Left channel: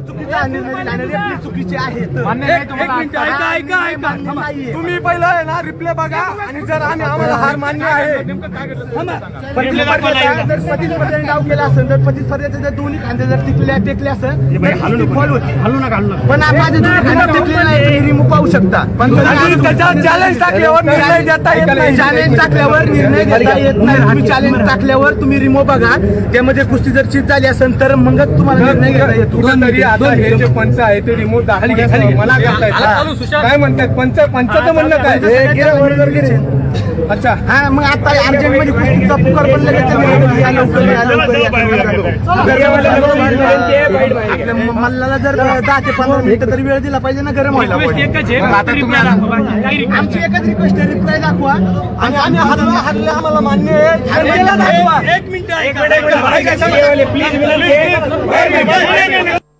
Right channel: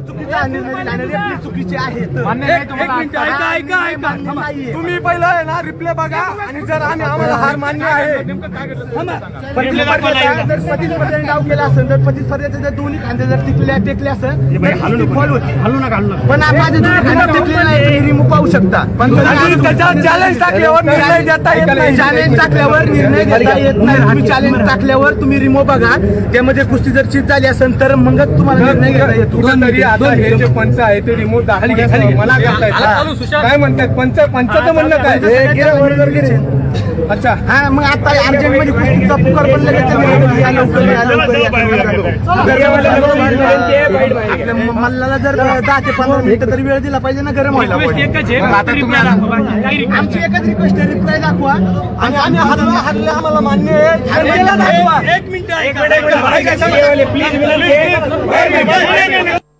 चुकीचा निर्णय चुकीचे आहेत. तुम्ही पहिलं आहे ना रिप्ले बघा आणि जर आम्ही आम्हाला हार मान्य आहे. डाव केला असेल तर जर दोन्ही खांदे जर टिकले टेकले असेल फॉल होती. हलू नका पण माझे दोन्ही खांदे टेकले नाही. रिमूव्ह पाहू शकता. पण त्याच्यावर चॅलेंज टाकल्यावर निर्णय देता येत नाही. चॅलेंज टाकल्यावर निर्णय घेता येत नाही. तुम्ही चॅलेंज टाकल्यावर तुम्ही रिमूव्ह बघा. त्यामध्ये कुस्ती जर चित झाली असेल तर मगच तुम्हाला निर्णय घेता येतो. आता हे जे पंच आहे ते रिमोट दाखवण्याचं मला करतायत. काय म्हणतात पंच पंचाचं म्हणणं काय? अच्छा. हा मग आता कुस्तीचा पुकार लवकर मल्लाला जर दहा ते पंधरा मिनिटं तरी वेळ दिला पाहिजे ना गरम व्हायला. आमची एकच रिक्वेस्ट आहे. रिप्लाय दाखवा. आणि आम्ही हरलो हरले आम्हाला मान्य आहे. एक मिनिट प्लीज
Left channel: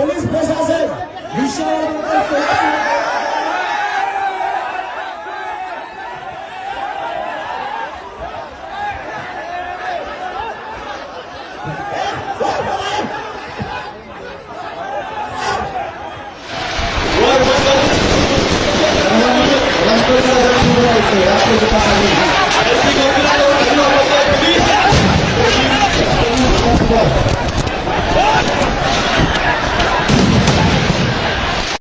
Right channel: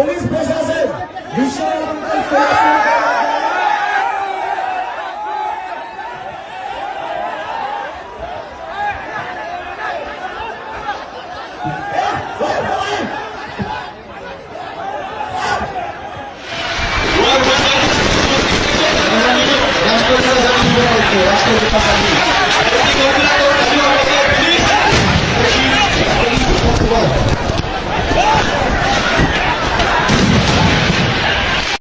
પોલીસ પ્રશાસન વિષય Gracias.